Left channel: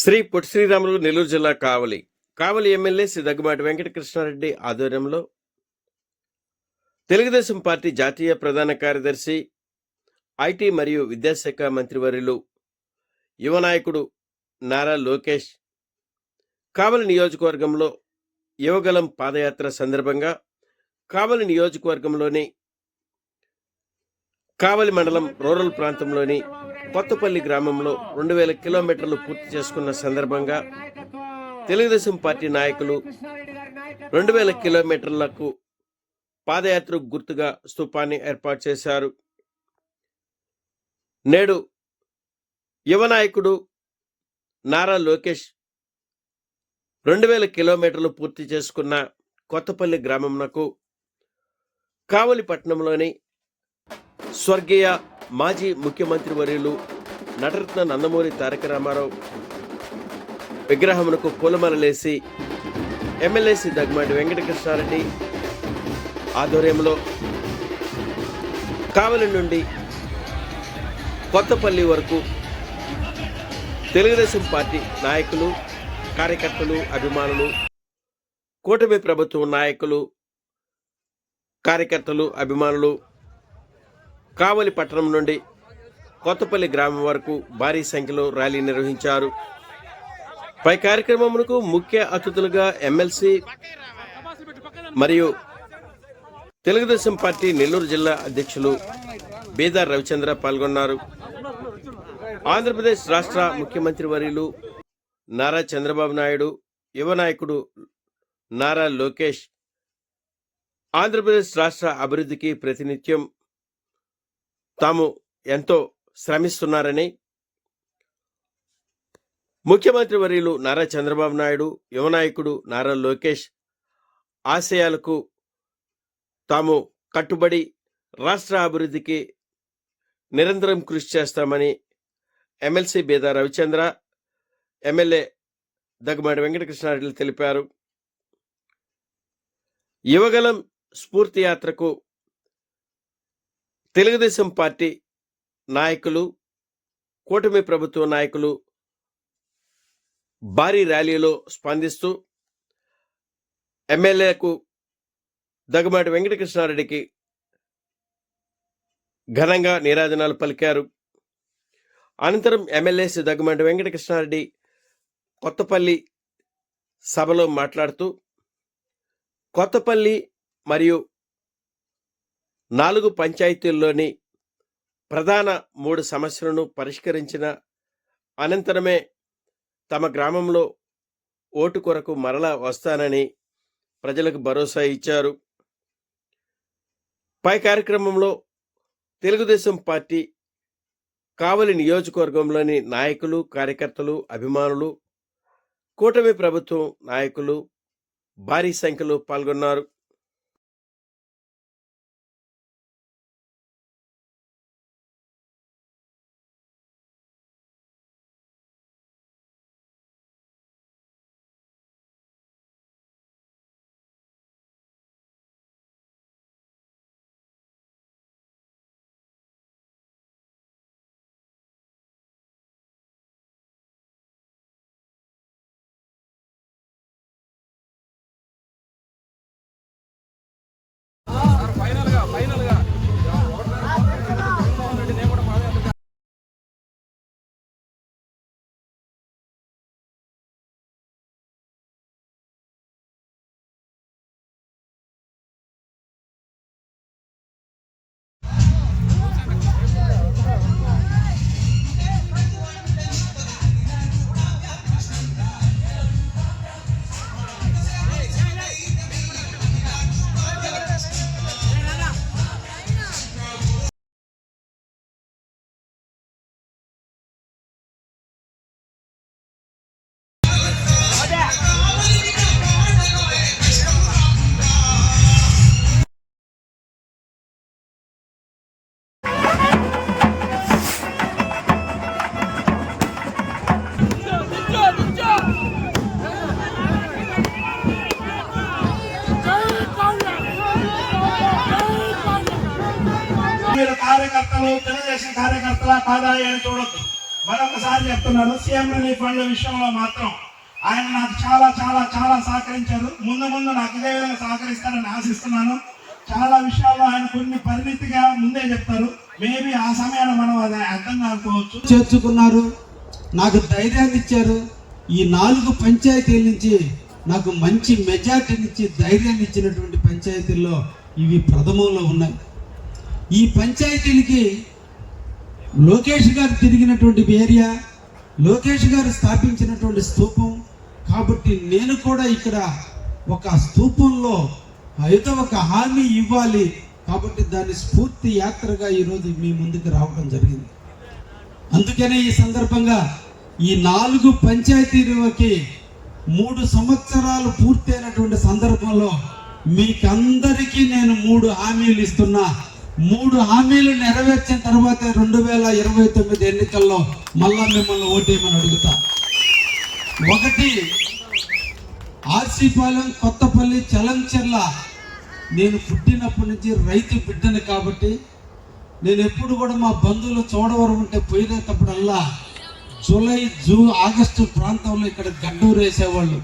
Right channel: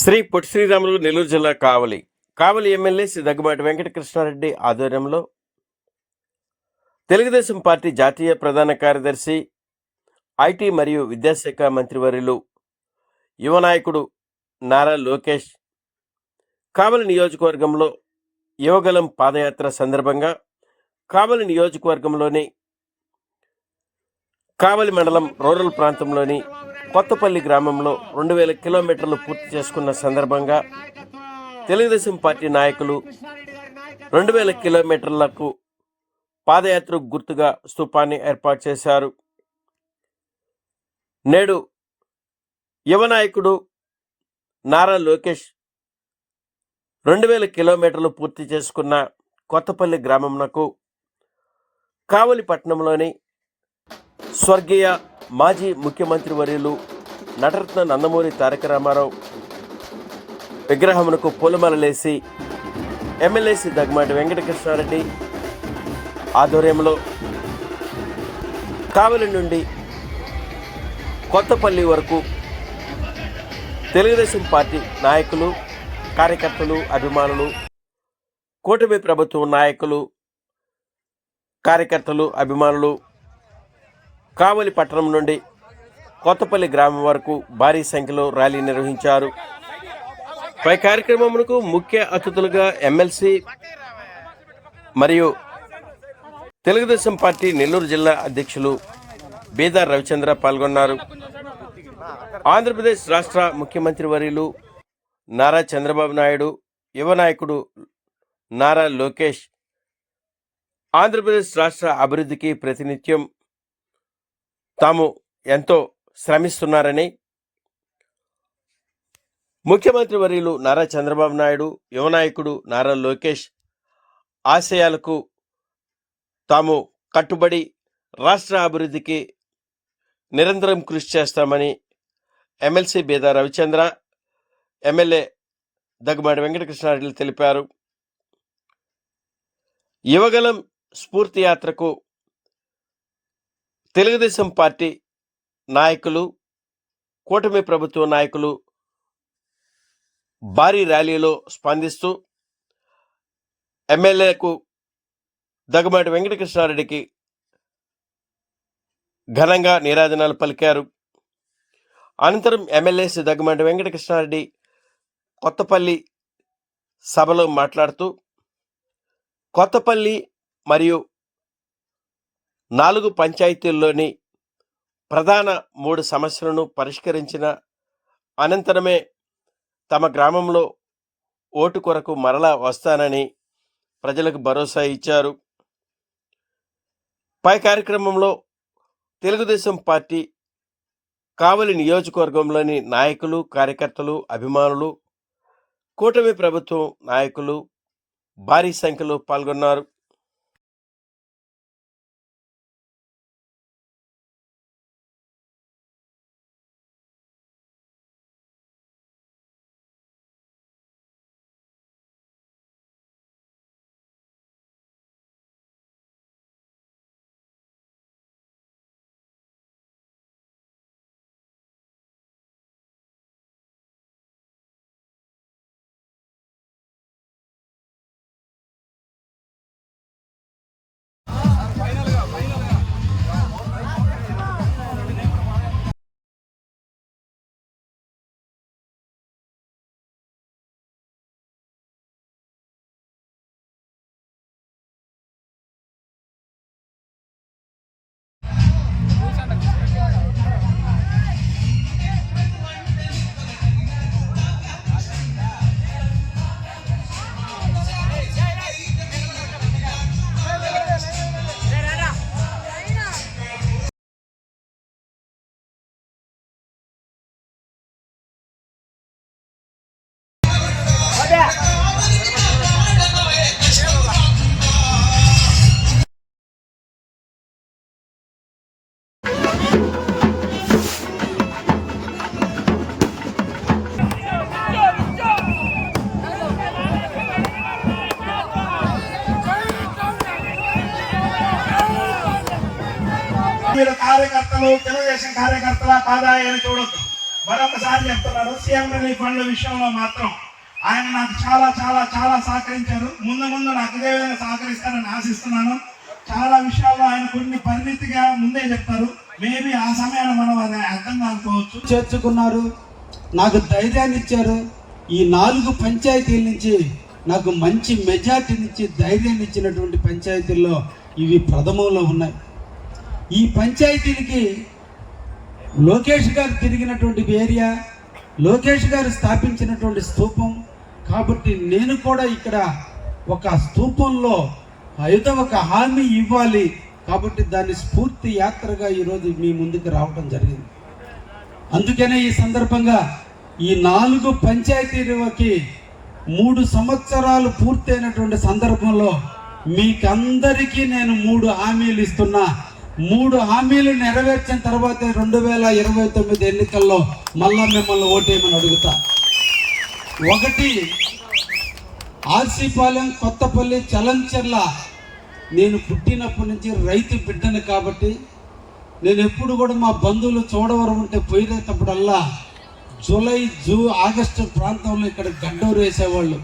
శ్రీ పొట్టి శ్రీరాములు నెల్లూరు జిల్లా కావలి ఎమ్మెల్యే శ్రీ దగ్గుమాటి వెంకటకృష్ణారెడ్డి ఆధ్వర్యంలో తెలుగుదేశం పార్టీ జాతీయ ప్రధాన కార్యదర్శి ఐటీ మరియు విద్యాశాఖ మంత్రివర్యులు యువ నాయకుడు నారా లోకేష్ కావలి నియోజకవర్గంలో యువగలం పాదయాత్ర సందర్భంగా కావలి నియోజకవర్గంలోని కావలి మండలం రూరల్ ప్రాంతంలోని కొత్తపల్లి గ్రామంలో 2000 కిలోమీటర్లు పూర్తి చేసుకున్న సందర్భంగా తెలుగుదేశం పార్టీ నాయకులు 2000 కిలోమీటర్లకు పాదయాత్రకు గుర్తుగా స్తూపాన్ని ఏర్పాటు చేశారు. నేడు యువ నాయకుడు నారా లోకేష్ 2000 కిలోమీటర్లు పూర్తి చేసుకున్న కొత్తపల్లి గ్రామంకు కావలి పట్టణంలోని స్వర్గీయ మాజీ ముఖ్యమంత్రి వర్యులు నటరత్న నందమూరి తారక రామారావు విగ్రహమునకు పూలమాలలేసి ఎమ్మెల్యే శ్రీ దగ్గుమాటి వెంకటకృష్ణారెడ్డి ఆధ్వర్యంలో కావలి నుండి కొత్తపల్లి వరకు తెలుగుదేశం పార్టీ నాయకులు, కార్యకర్తలు, అభిమానులు, కూటమి ప్రభుత్వం నాయకులు, కార్యకర్తలు, అభిమానులు కావలి పట్టణం నుండి కొత్తపల్లి గ్రామం వరకు భారీ సంఖ్యలో ర్యాలీ నిర్వహించారు. పై కార్యక్రమమునకు ముఖ్య అతిథులుగా ఎమ్మెల్సీ మరియు తెలుగుదేశం పార్టీ నెల్లూరు జిల్లా అధ్యక్షులు బీదార్ రవిచంద్ర పాల్గొన్నారు. ఆంధ్రప్రదేశ్ రాష్ట్ర ముఖ్యమంత్రి వర్యులు నారా చంద్రబాబు నాయుడు, యువ నాయకుడు నారా లోకేష్ ఆంధ్రప్రదేశ్ రాష్ట్ర అభివృద్ధికి ప్రతినిత్యం తాము ఎంతో శ్రమిస్తున్నారని, ముఖ్యమంత్రి వర్యులు నారా చంద్రబాబు నాయుడు, యువ నాయకుడు నారా లోకేష్ ఆశయాలకు తాము కట్టుబడి రాష్ట్ర అభివృద్ధికి నిరంతరం కృషి చేస్తామని ఎమ్మెల్సీ బీదా రవిచంద్ర, ఎమ్మెల్యే దగ్గుమాటి వెంకటకృష్ణారెడ్డి తెలిపారు. యువగలం స్ఫూర్తి యాత్రకు తెలుగుదేశం పార్టీ నాయకులు, కూటమి ప్రభుత్వ నాయకులు భారీ ర్యాలీలో స్పందిస్తూ ఎమ్మెల్యేకు దగ్గుమాటి వెంకటకృష్ణారెడ్డికి ఘనంగా నీరాజనాలు పలికారు. అనంతరం ఎమ్మెల్యే శ్రీ దగ్గుమాటి వెంకటకృష్ణారెడ్డి కొత్తపల్లి సభలో మాట్లాడుతూ కొత్తపల్లి మరియు 4 పంచాయతీల్లోని ప్రధాన 3 సమస్యలను పరిష్కరించిన అనంతరమే తమ గ్రామంలో ఓటు కొరకు మరలా వస్తానని ప్రజలకు భరోసా ఇచ్చారు. పై కార్యక్రమంలో తెలుగుదేశం పార్టీ కావలి నియోజకవర్గంలోని నాయకులు, కార్యకర్తలు, అభిమానులు, కూటమి ప్రభుత్వం నాయకులు భారీ సంఖ్యలో పాల్గొన్నారు. కార్యకర్తలు తెలుగుదేశం కార్యకర్తల కాదా అని చూడొద్దు. మరొకసారి చెప్తున్నాను, సీఎం రిలీఫ్ ఫండ్ల విషయంలో మాత్రం ఆయన నాకు చాలా చాలా చాలా సహకరించారు. ముందు ముందు నాకు ఇదే విధంగా సహకరిస్తారని ఆశిస్తున్నాను. చాలా విషయాల్లో ఆయన కొన్ని పరిమితిగా ముందే చెప్తారు. మేబీ ఆ సమయాన్ని మనం అది అర్థం కాకపోవచ్చు. చేర్చుకున్నారు, నాకు ధైర్యాన్ని ఇచ్చారు. ఈ 4 పంచాయతీల నుంచి నాకు మంచి మెజార్టీనిచ్చి ధైర్యాన్ని ఇచ్చినటువంటి పంచాయతీల్లో ఇవి ప్రథమంలో ఉన్నాయి. ఈ పంచాయతీలకి లోకేష్ గారు తిరిగినటువంటి ఏరియా, లోకేష్ గారు స్థాపించినటువంటి స్తూపం కాబట్టి నేను కూడా ఇక్కడ ఒక స్తూపంలో అయితే ఒక హామీ ఇవ్వాలి కాబట్టి దాని స్ఫూర్తి యాత్రగా ఈరోజు మీ ముందుకు రావడం జరిగింది. అందుకనే ఈ సందర్భంగా ఈ 4 పంచాయతీలకి 3 సంవత్సరాలు పూర్తయినటువంటి సందర్భంలో మీకందరికీ నేను 3 హామీలు ఇస్తున్నా. 3 హామీలు నెరవేర్చిన తర్వాత 2029 ఎన్నికల్లో మళ్ళా మిమ్మల్ని ఓటేయమని అడుగుతా. 1 ఆర్సీపాలెం, కొత్తపల్లి, చలంచెర్ల నేను పుట్టినప్పటి నుంచి రైతు బిడ్డని కాబట్టి నేను ఎప్పుడు కూడా మా బంధువులు చోడవరం ఉంటే పోయినప్పుడల్లా జూలై ఆగస్టు ప్రాంతంలో ఇక్కడ గడ్డూరు వేసేవాళ్ళు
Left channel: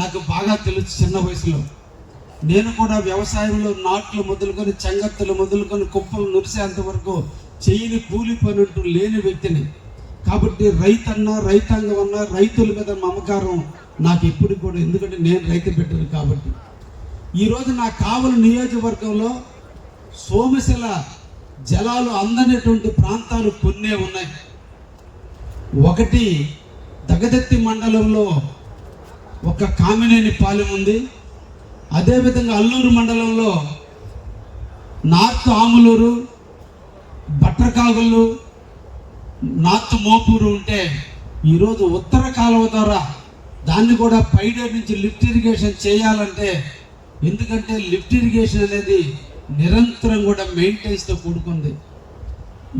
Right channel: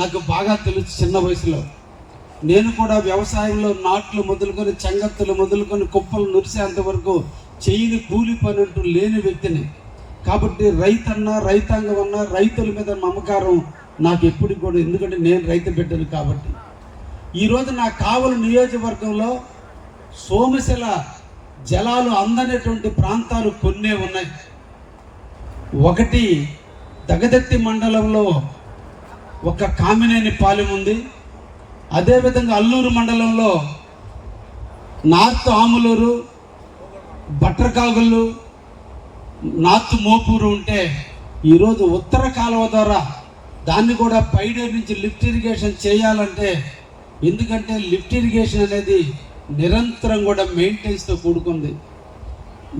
నాకు బాగా తెలుసు. చిన్న వయసులో నేను కూడా వ్యవసాయంలో నాట్లు మొదలుకొని చెంగత్తులు మొదలుకొని కుప్పలు నురిసేంత వరకు చేయని కూలి పని అంటూ లేని వ్యక్తిని కాబట్టి రైతన్నా రైతాంగం అన్నా రైతుల మీద మమకారం నాకు ఎప్పుడు కూడా, ఎందుకంటే నేను రైతు బిడ్డను కాబట్టి. ఈరోజు నా కావలి నియోజకవర్గంలో సోమశిల జలాలు అందనటువంటి ప్రాంతాలు కొన్నే ఉన్నాయి. 1 దగదత్తి మండలంలో ఒక కామినేని పాలెం ఉంది. అదేవిధంగా అల్లూరు మండలంలో నార్త్ ఆములూరు, బట్రకాగలు, నార్త్ మోపూరు ఉంటే ఈరోజు ఉత్తర కాలువ ద్వారా దాన్ని కూడా పైడే నుంచి లిఫ్ట్ ఇరిగేషన్ చేయాలంటే, ఎందుకంటే లిఫ్ట్ ఇరిగేషన్ అనేది నిరంతరం కూడా మెయింటెనెన్స్తో కూడుకుంది.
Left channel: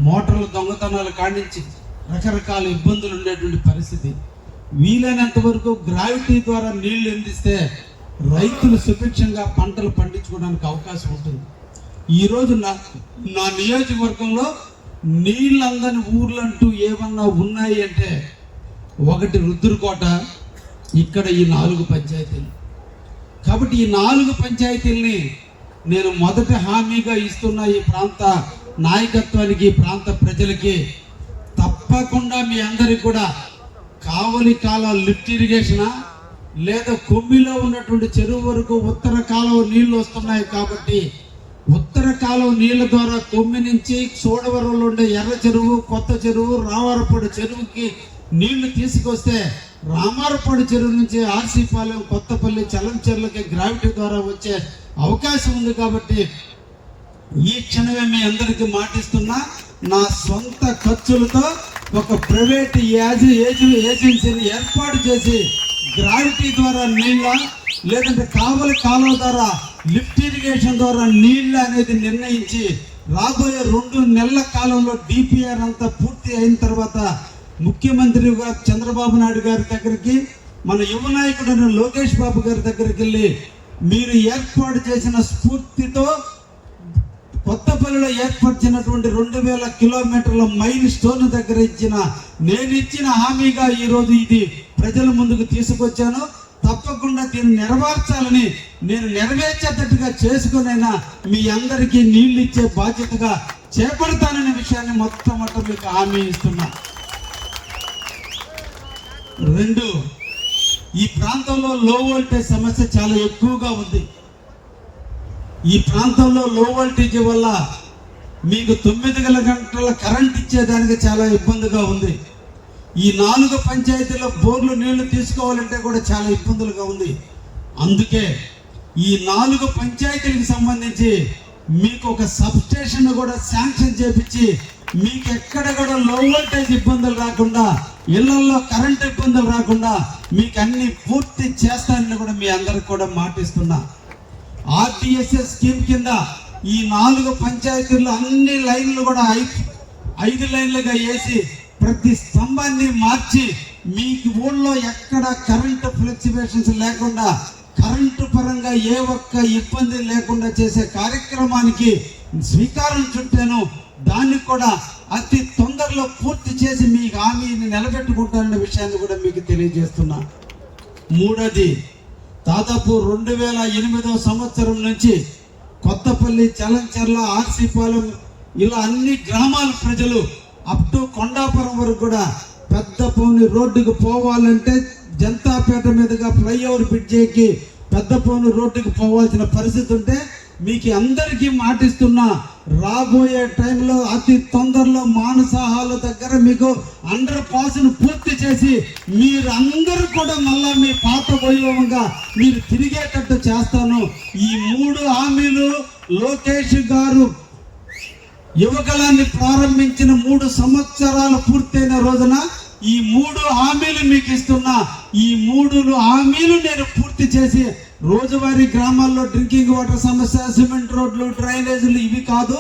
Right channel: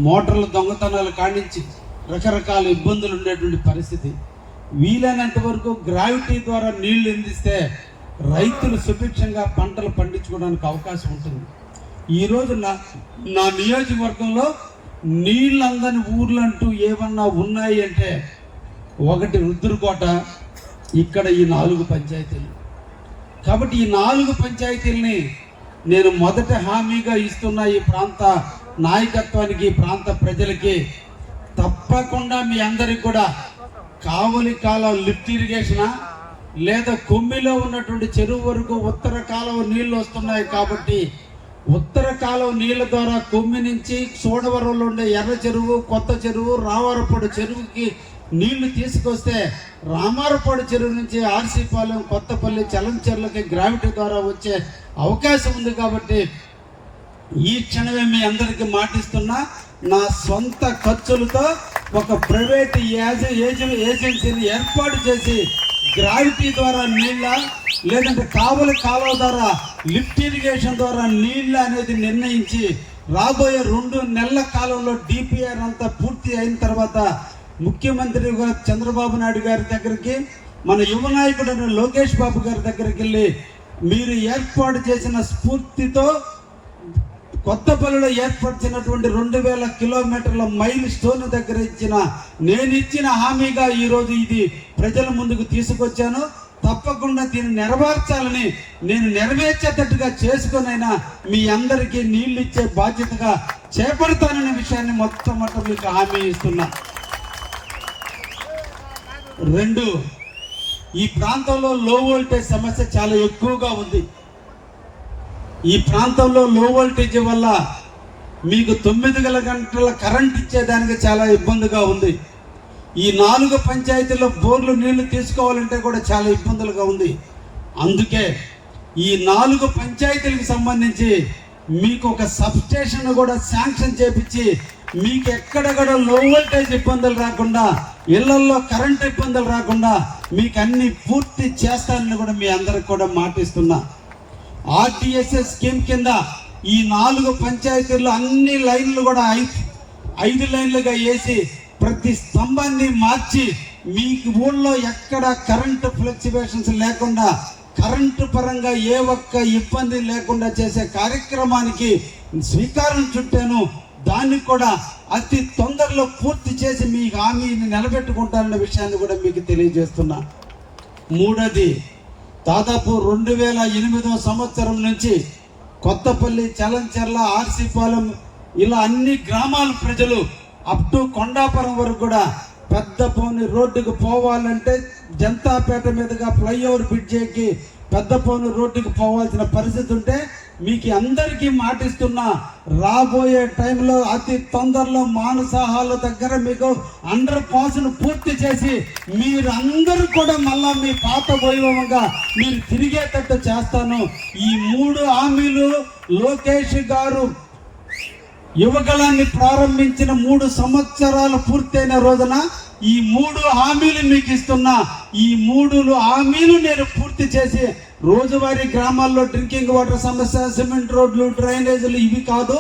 మోటార్ల దొంగతనాలు కానించి రకరకాల ఇబ్బందులు ఉండేటువంటి పరిస్థితి. వీలైనంత వరకు గ్రావిటీ ద్వారా నీళ్లు అందిస్తే రైతులు సుభిక్షంగా పంటలు పండించుకోవడానికి అవకాశం ఉంటుంది. ఈరోజు నా నియోజకవర్గంలో నీళ్ళందని ఊర్లు అంటూ ఏమన్నా ఉన్నాయి అంటే 1 రుద్రకోట, ఇక్కడ ఈ 4 పంచాయతీలు. కాబట్టి ఈ 4 పంచాయతీల్ని నేను మొదటి హామీగా ఇస్తున్న ఈ ప్రాంత నాయకత్వానికి, ఈ ప్రాంత ప్రజలకి తప్పకుండా మీ అందరికి కూడా కావలి కాలువ లిఫ్ట్ ఇరిగేషనా లేదా కొమ్మిలో ఉన్నటువంటి చెరువు వరకు ఉత్తర కాలువ నీళ్లు వస్తున్నాయి కాబట్టి ఉత్తర కాలువ నీళ్ల ద్వారా కొమ్మి నుంచి చోడవరంలో ఉండే ఎర్ర చెరువు, కొత్త చెరువు, రావారపాడు చెరువుకి నీళ్లు తీసుకొస్తే రామారపాడు చెరువు నుంచి ఆర్సీపాలెం, కొత్తపల్లి, చలంచెర్లకి గ్రావిటీ ద్వారా వచ్చే అవకాశం ఉంది. కాబట్టి ఈ క్షణమే మీ అందరికీ మాటిస్తున్నా, నా సొంత ఖర్చులతో ఒక ప్రైవేట్ ఏజెన్సీని ఏర్పాటు చేసి గ్రావిటీ ద్వారా నీళ్ళ లేదంటే కావలి కాలువ ద్వారా లిఫ్ట్ ఇరిగేషన్ ద్వారా నీళ్ళ అనేది నిర్ణయించి రాబోయే 2 నెలల కాలంలో డిపిఆర్ అంతా పూర్తి అయిన తర్వాత ముఖ్యమంత్రిగా చంద్రబాబు నాయుడు గారి దగ్గరికి, మన యువ నాయకుడు లోకేష్ బాబు గారి దగ్గరికి వెళ్ళి మీరు ఏర్పాటు చేసిన స్ఫూర్తితో కొత్తపల్లిలో ఏర్పరిచినటువంటి 2000 కిలోమీటర్ల మైల్ స్టోన్ దగ్గర నేను ఇచ్చిన హామీగా ఈరోజు ఇది ప్రజల ముందుకు తీసుకొచ్చాను. తప్పకుండా దీన్ని నెరవేర్చాలని, నేను నెరవేర్చేటట్టుగా చేసుకునైనా మీ అందరికీ నీళ్లు ఇచ్చే బాధ్యతగా చేపడతాననే విషయాన్ని మొట్టమొదట మీకు హామీ ఇస్తున్నా. 2, ఈ ప్రాంతంలో లో వోల్టేజ్ సమస్య చాలా ఎక్కువగా ఉంది. ఈ ప్రాంతంలో లో వోల్టేజ్ వల్ల మీకు 9 గంటల కరెంట్ ఇచ్చేదానికి చాలా ఇబ్బందిగా ఉంది. ఈ 4 పంచాయతీల్లో బోర్లు నీళ్లు తీసుకోవాలంటే కూడా చాలా ఇబ్బందులుగా ఉంది. అందుకే ఈ 4 పంచాయతీలకు సంబంధించి మీకు ఒక సబ్ స్టేషన్ కూడా శాంక్షన్ చేపించి మీకు ఎక్కడెక్కడ లో వోల్టేజ్ ఇబ్బందులు రాకుండా, ఇళ్లలో కరెంట్ ఇబ్బందులు రాకుండా మీకు అన్ని పూర్తి చేస్తానని కూడా మీ అందరికి కూడా మాటిస్తున్నా. ఆర్టీఎస్ఎస్ స్కీమ్ కింద ఈ 4 పంచాయతీల్లో అన్ని లైన్లు కూడా 5 లైన్లుగా వేసి ప్రతి స్తంభాన్ని మార్చి మీకు ఊళ్ళో ఎక్కడ కరెంటు ఫ్లక్చువేషన్స్ లేకుండా, కరెంటు పరంగా ఏ ఒక్క ఇబ్బంది లేకుండా చేసే కార్యక్రమానికి శ్రీకారం చుట్టాను. దాన్ని కూడా అతి తొందరలో పూర్తి చేసి మీ హామీని నిలబెట్టుకుంటారనే విషయాన్ని కూడా మీకు తెలియజేస్తున్నా. మూడోది, దాదాపు 2008 సంవత్సరం నుంచి కొత్తపల్లి, చలంచెర్ల, ఆర్సీపాలెం ఇలా అన్ని గ్రామాల ప్రజలు అప్ టు కొండాపురం వరకు కూడా పెద్ద పౌని రోడ్డుకు పోవాలంటే జనతాపేట మీదుగా ఫ్లైఓవర్ బ్రిడ్జ్ ఎక్కి పెద్ద పౌని రోడ్డుకు పోవాల్సిన పరిస్థితి ఉంటే మీకు అందరికీ మాటిస్తున్నా, రాబోయే టైంలో అతి తొందరలో మానసాహాల దగ్గర మీకు అండర్ పాస్ పూర్తి చేసి మీరందరూ కూడా మళ్ళా మీ పాత వైభవంగా మీరు తిరిగేటట్టు చేస్తాను. ఈ 3 హామీలు లోకేష్ గారు యువగలాన్ని ప్రారంభించిన 3 సంవత్సరాలు పూర్తయిన రోజున ఈ 3 హామీలు మీకు ఇస్తున్నా. ఈ 3 హామీలు నేను పూర్తి చేసి రోజువారీ గ్రామాల్లో డ్రింకింగ్ వాటర్ సమస్య, సిమెంట్ రోడ్లు, డ్రైనేజీలు ఇవి కాదు,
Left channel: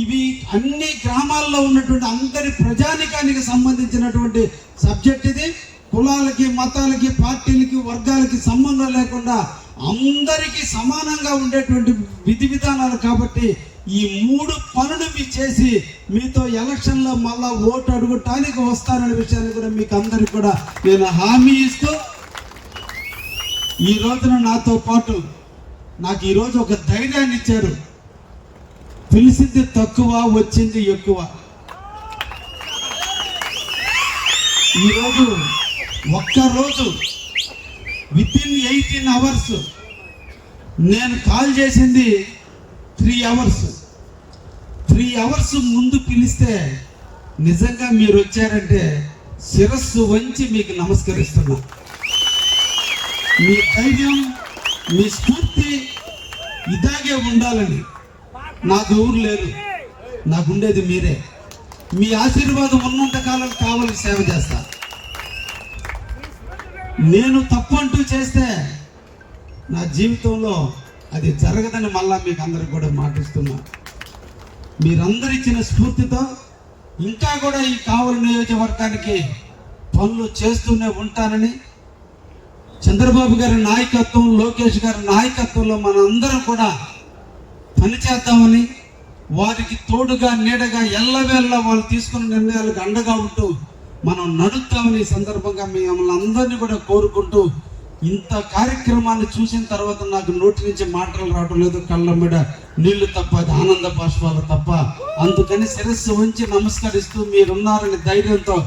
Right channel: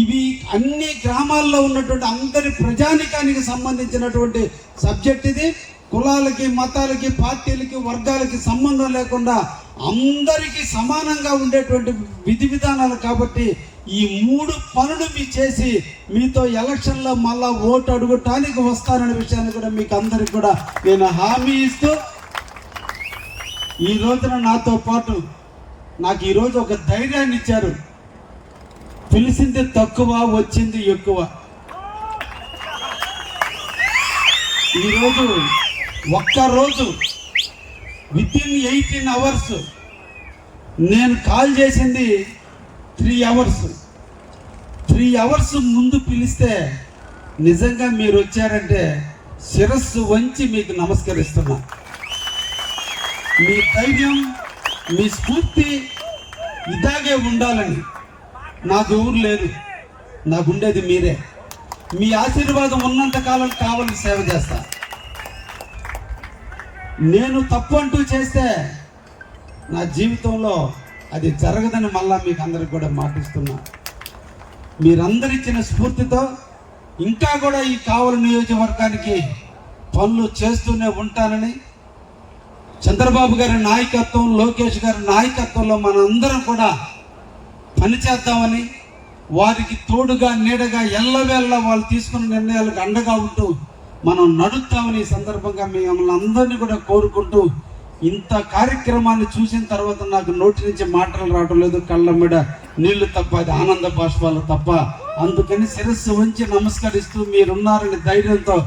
ఇవి అన్ని గ్రామాల్లో ఉన్నటువంటి అందరి ప్రజానికానికి సంబంధించినటువంటి సబ్జెక్ట్ ఇది. కులాలకి, మతాలకి, పార్టీలకి, వర్గాలకి సంబంధం లేకుండా అందరికీ సమానంగా ఉండేటువంటి విధి విధానాలు. కాబట్టి ఈ 3 పనులు మీరు చేసి మీతో ఎలక్షన్లో మళ్ళా ఓటు అడుగుటానికి వస్తారనే విషయాన్ని కూడా మీకు అందరికి కూడా నేను హామీ ఇస్తూ, ఈ రోజున నాతో పాటు నాకు ఈరోజు ఒక ధైర్యాన్ని ఇచ్చారు. పిలిచింది తక్కువ, వచ్చింది ఎక్కువ. ఈరోజు ఒక్కరోజు వితిన్ 18 అవర్స్ నేను కాల్ చేసింది 3 అవర్స్. 3 అవర్స్ ముందు పిలిస్తే నిజంగా మీరు వచ్చారంటే శిరస్సు వంచి మీకు నమస్కరిస్తున్నా. మీ ధైర్యం, మీ స్ఫూర్తి ఇలాగే ఉండాలని. నాకు ఊరు లేదు, నాకు ఉండేది మీరే. మీ ఆశీర్వాదం ఉన్నంత కాలం కావాలని సేవ చేస్తా. నేను తప్పంటూ చేస్తే నా జీవితంలో అది జరగదని మళ్ళా మీకు అందరికి కూడా మాటిస్తున్నా. మీరందరూ ఇచ్చిన స్ఫూర్తితో ఇంకా కూడా ఈ కావలి నియోజకవర్గానికి పనులు చేస్తూనే ఉంటానని, చంద్రబాబు గారి నాయకత్వం, లోకేష్ గారి నాయకత్వంలో మనందరం కూడా పనిచేద్దామని, వారికి తోడుగా నీడగా ఎల్లవేళ్ళ వాళ్ళు తీసుకున్న నిర్ణయాలకు అండగా ఉంటూ మనం నడుస్తామని ఈ సందర్భంగా మిమ్మల్ని అందరినీ కూడా కోరుకుంటూ, ఇంత కార్యక్రమాన్ని చూసిన తర్వాత నాకు నోటి నుంచి మాటలు రావడం లేదు, కళ్ళ మీద నీళ్లు తప్ప, అది ఆనంద బాష్పాలు తప్ప. అందుకని శిరస్సు వంచి నమస్కరిస్తూ మీరున్నారని ధైర్యంతో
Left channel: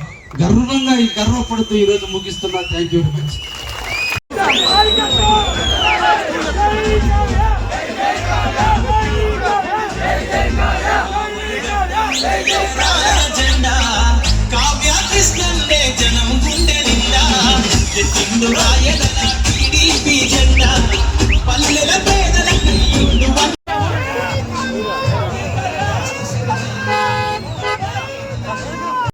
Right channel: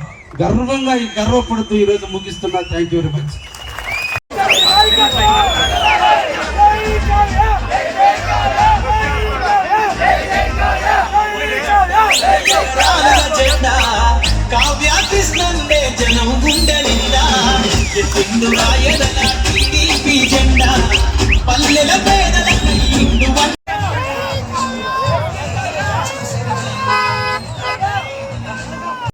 గర్వంగా గర్వపడుతూ ఈరోజు ముగిస్తున్నా. Thank you very much. Kavya కృష్ణంటే జనం గుండె నిండా